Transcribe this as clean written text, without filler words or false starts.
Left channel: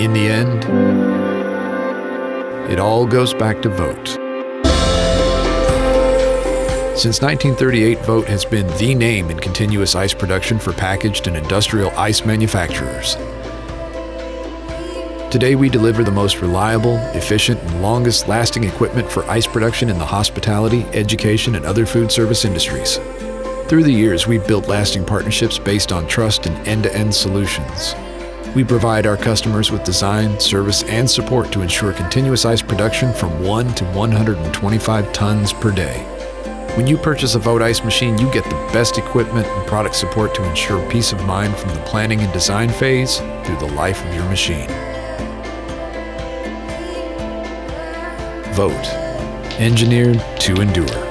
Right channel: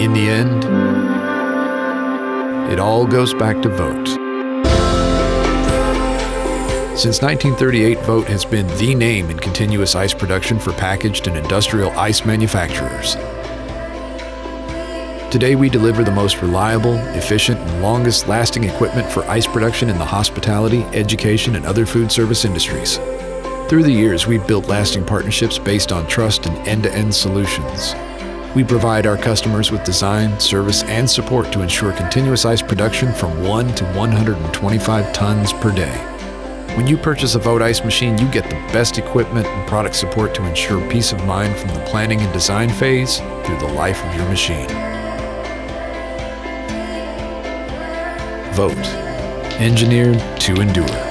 In the end, it all goes back to Vogt. Since 1938, Vogt has been the name in continuous ice production for packaged and industrial ice manufacturers. Today, we deliver the most reliable, efficient, and longest-lasting equipment for ice production in the hospitality, education, and other food service industries. Through the years, we've built lasting partnerships based on trust and end-to-end solutions. We provide our customers with design, service, and support to ensure continuous ice production from 1 to 125 tons per day. When you purchase a Vogt Ice machine, you get the best equipment and product support to ensure peace of mind from the planning and design phase through the life of your machine. Vogt, engineered to endure.